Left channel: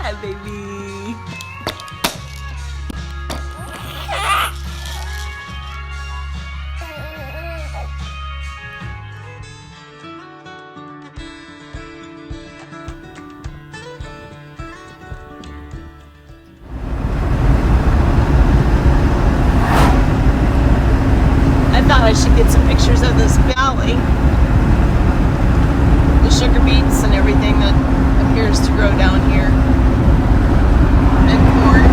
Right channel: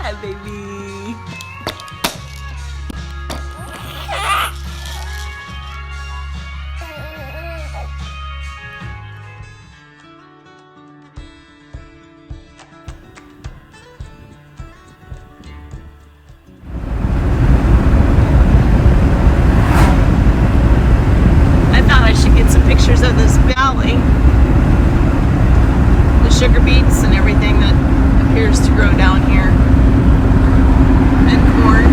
Hi, baby. I thought I should get some pictures of this valley. The sugar beets and everything that appears to grow down here. And corn.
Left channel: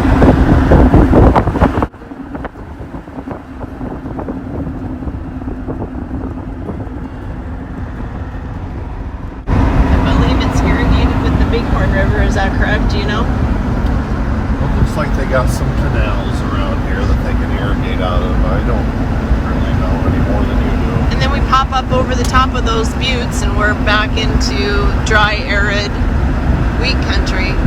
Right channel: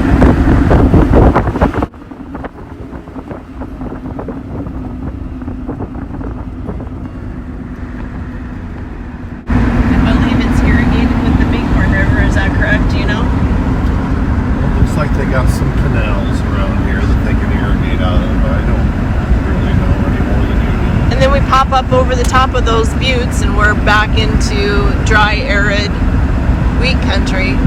I believe it's irrigated with the Bighorn River, is that correct? Do you know? Well, it looks like they got some canals around here that they can irrigate out of. I don't really know any more than you do. And then we pop up over the top of those buttes and we're back into dry, arid wheat country.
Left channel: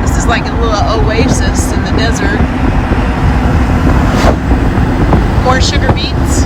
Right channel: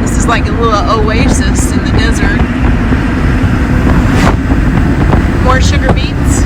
This is like a little oasis in the desert. More sugar beets.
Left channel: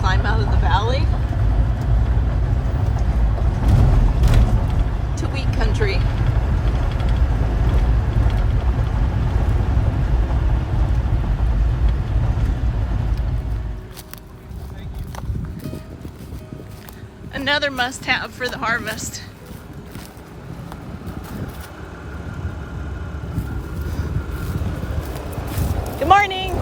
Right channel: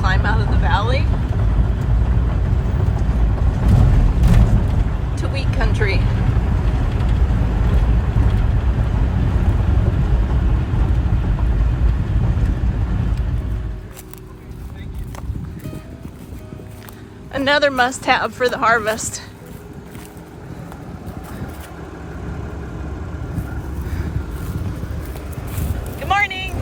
Climb out of the valley to wheat country. Another must-have for the harvest. Good morning.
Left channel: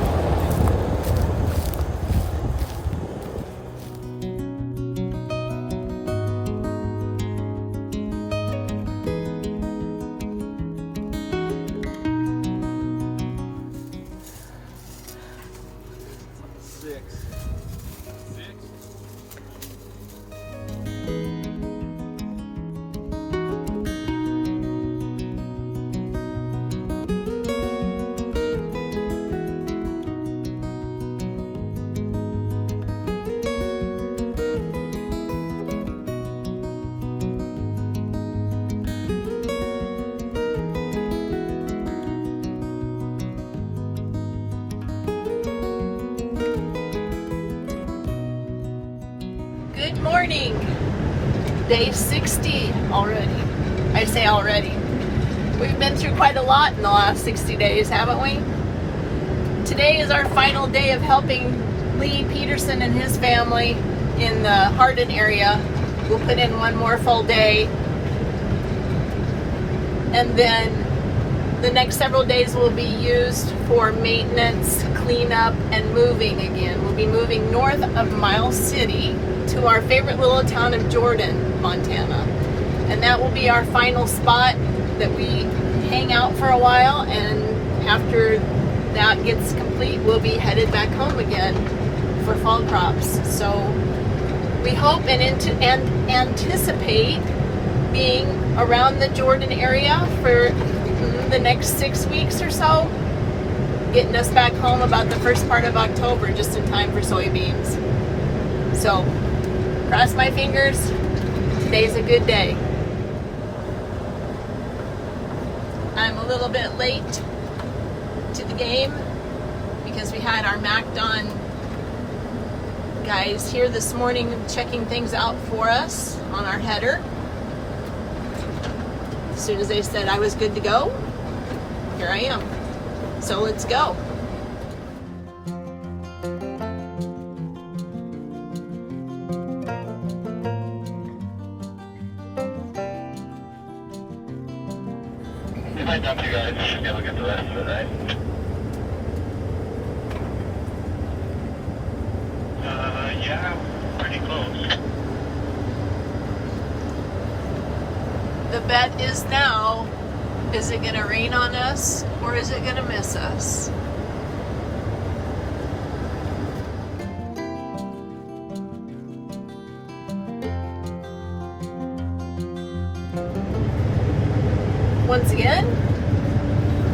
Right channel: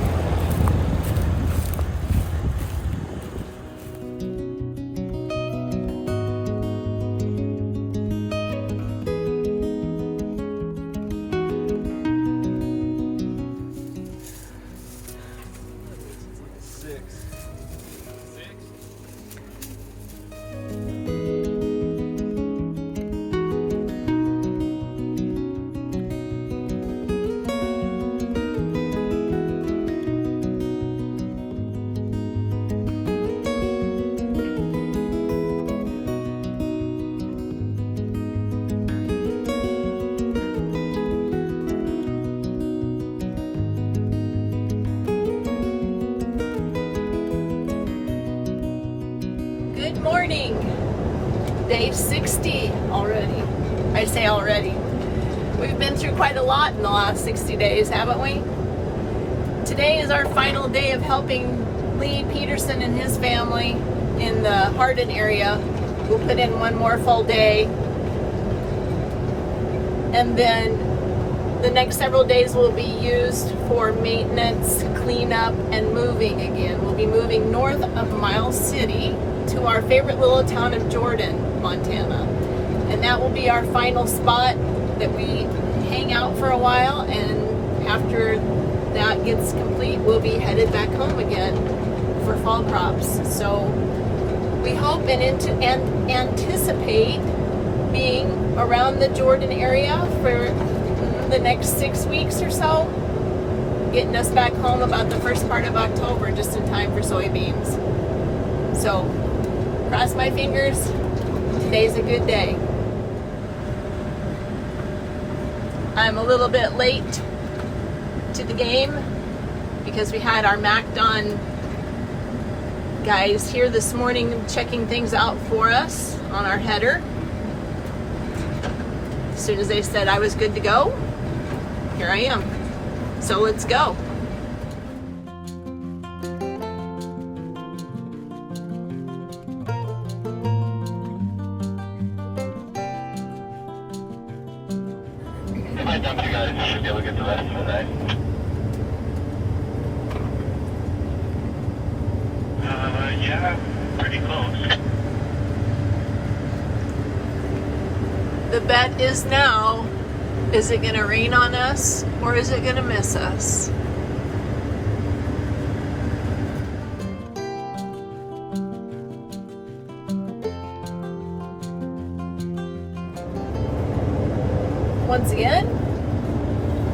Good morning. Day 60 already. I say already. We've been through quite a lot in the last 60 days, haven't we? Today is our final day of helping Lee Peterson and his family in the Hardin area. We'll put in one more full day. And then the next several days will be used for maintenance, cleanup, and moving again. We'll be moving north of Miles City to our favorite little town of Jordan, Montana. And that will be our final spot that we hang out for a while, and after that gets complete, we'll be headed back home again for fall crops. So we hope and anticipate being around the Jordan area for the next 6 weeks or so, getting us back home about the first part of October, just in time for soybeans. So, cross my fingers, today's a good day. I'm a little bit late to the game because we had our MacDon guys here this morning checking things out for us on our header. As soon as they said I was good to go, here I am. So let's go. If I dump you guys, you should be able to get the rest of the night. Yeah, pretty close. The bet is now, is it gonna rain on us or is it gonna miss us? Once again,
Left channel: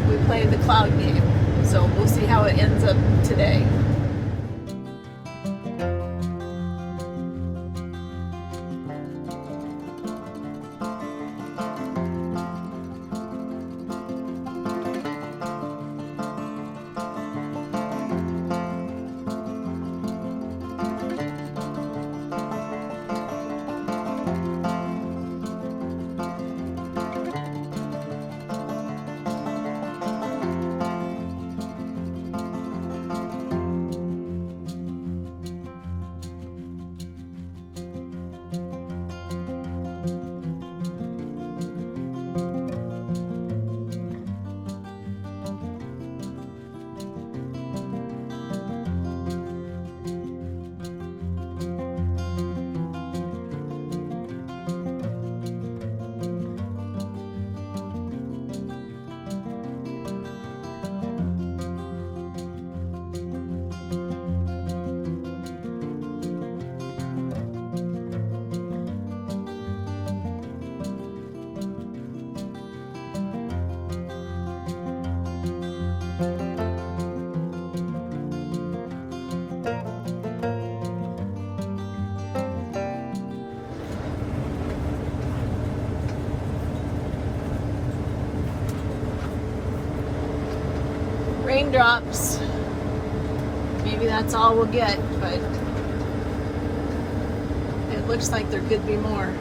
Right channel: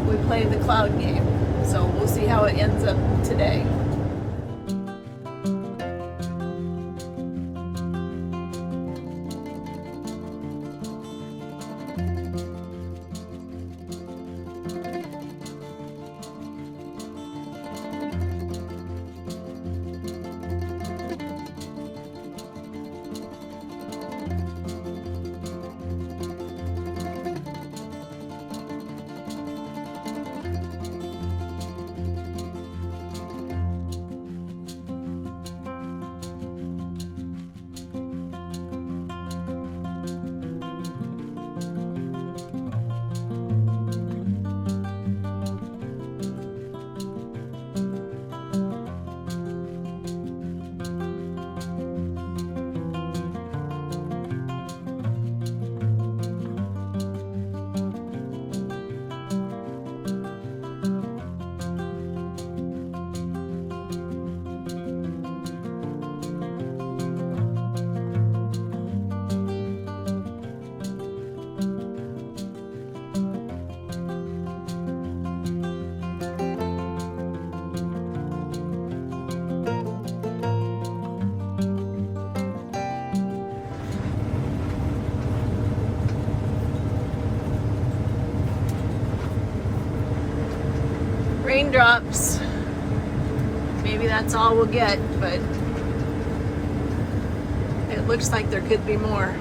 we played the cloud game, so we'll see how it ends up today. Raindrops. Maybe that's all we'll get, but it looks like there could be more.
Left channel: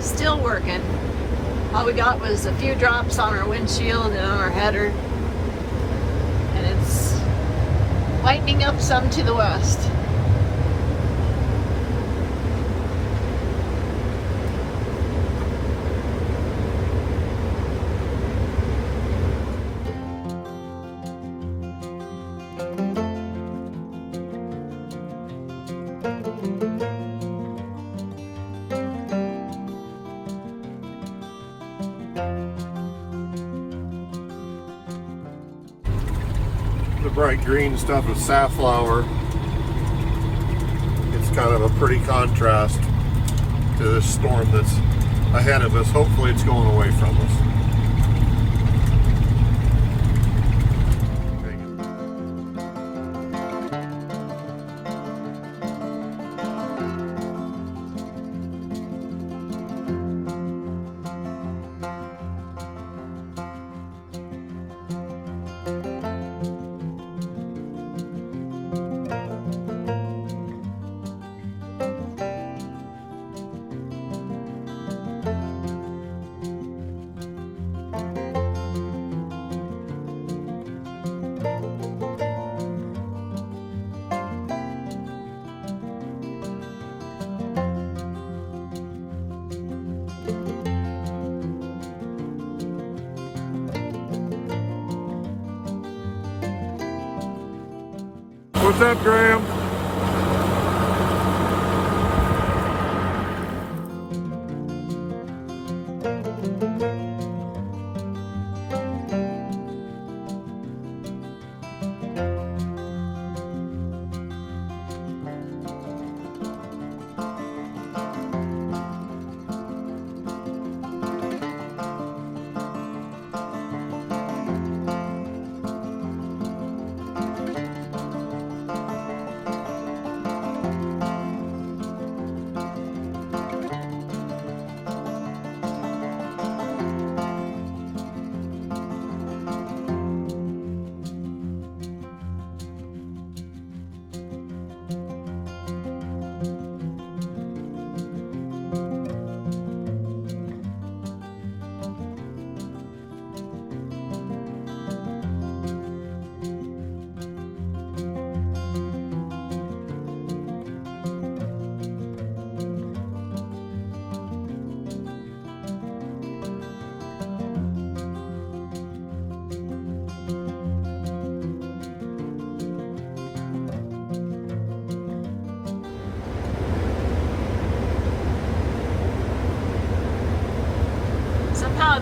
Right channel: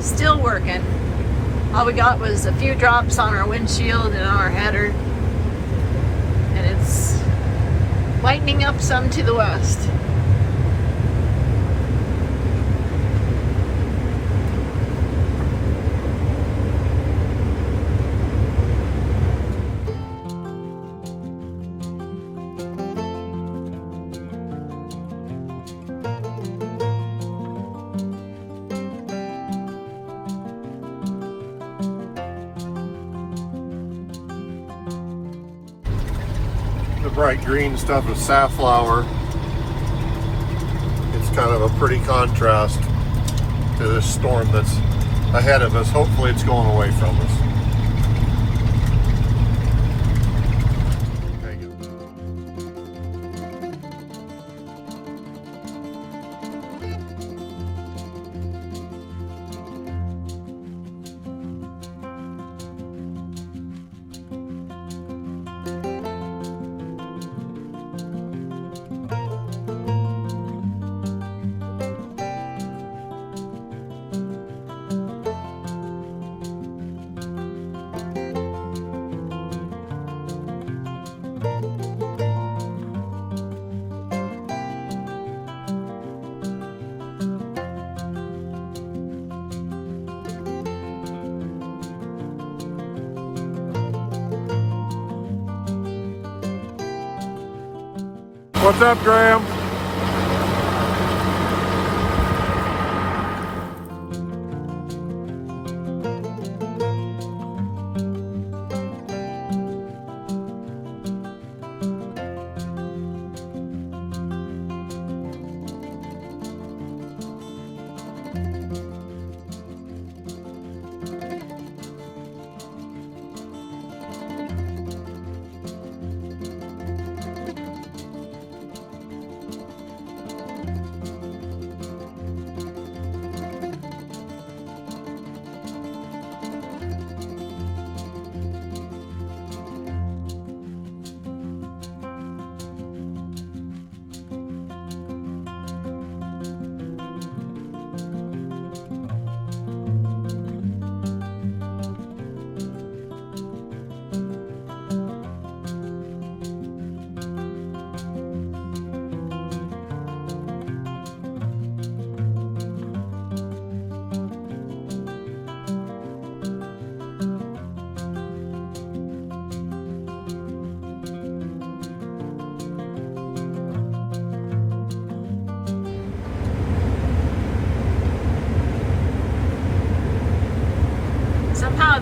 Still working. All we got was a few drops on our windshield and on our header. And it's lightening up some to the west. Bright green stuff is safflower. It's kind of a pretty contrast to this storm that's ahead of us. Hopefully it's going away from us. What's up, Graham?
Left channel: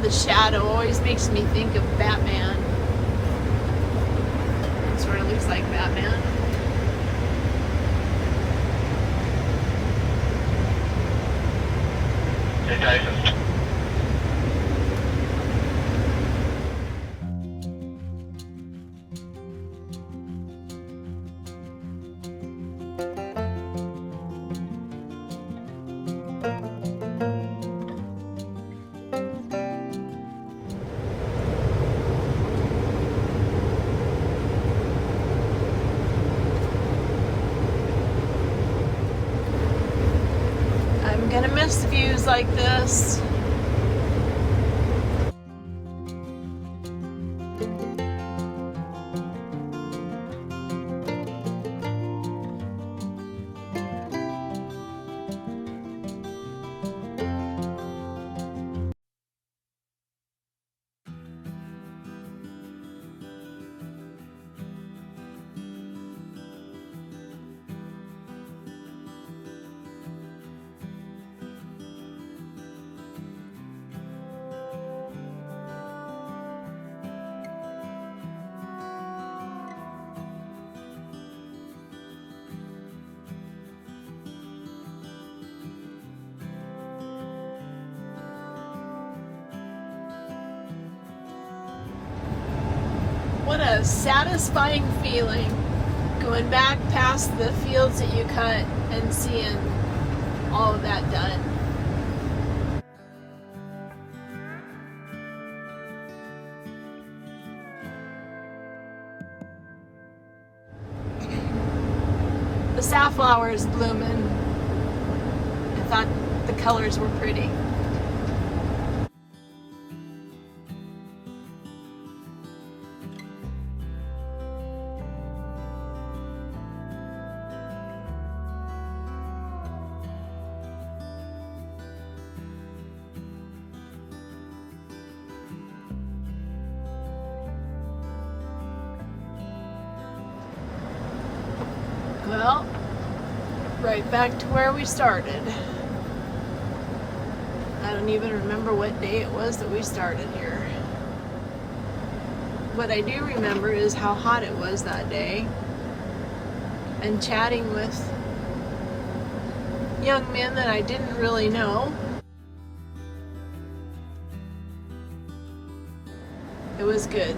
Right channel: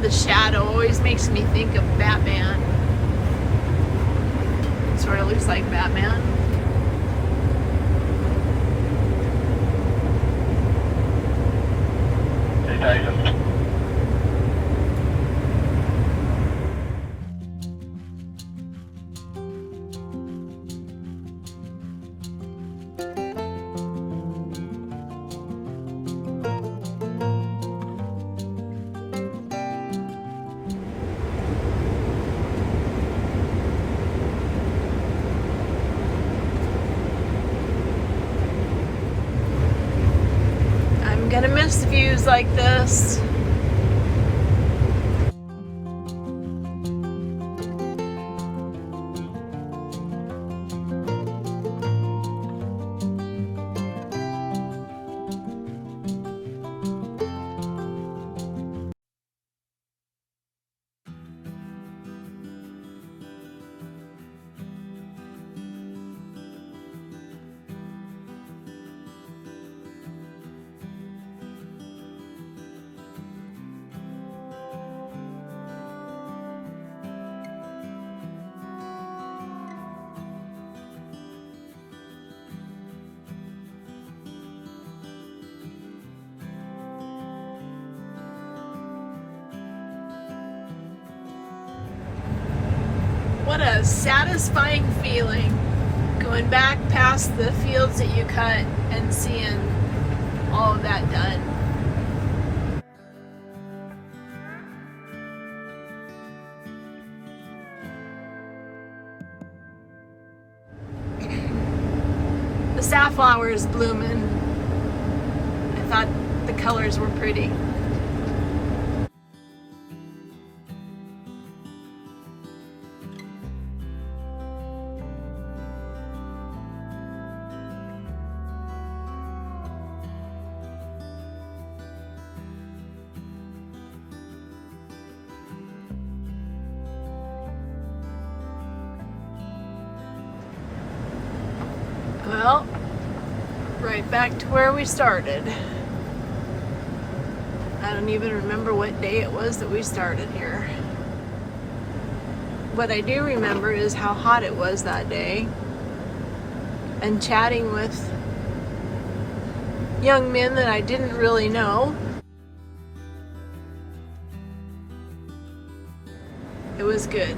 the shadow always makes me think of Batman. It sort of looks like Batman. Hey, Tyson. I'm gonna miss views like this. What a satisfying feeling going back past the fields that you cut and seeing all of that done. The safflower is blooming. I thought the colors were pretty. Well, right back to where we started. I don't even remember what day it was that we started here. What I do remember is how hot it was that day, and chatting with young men that I didn't really know. It was good.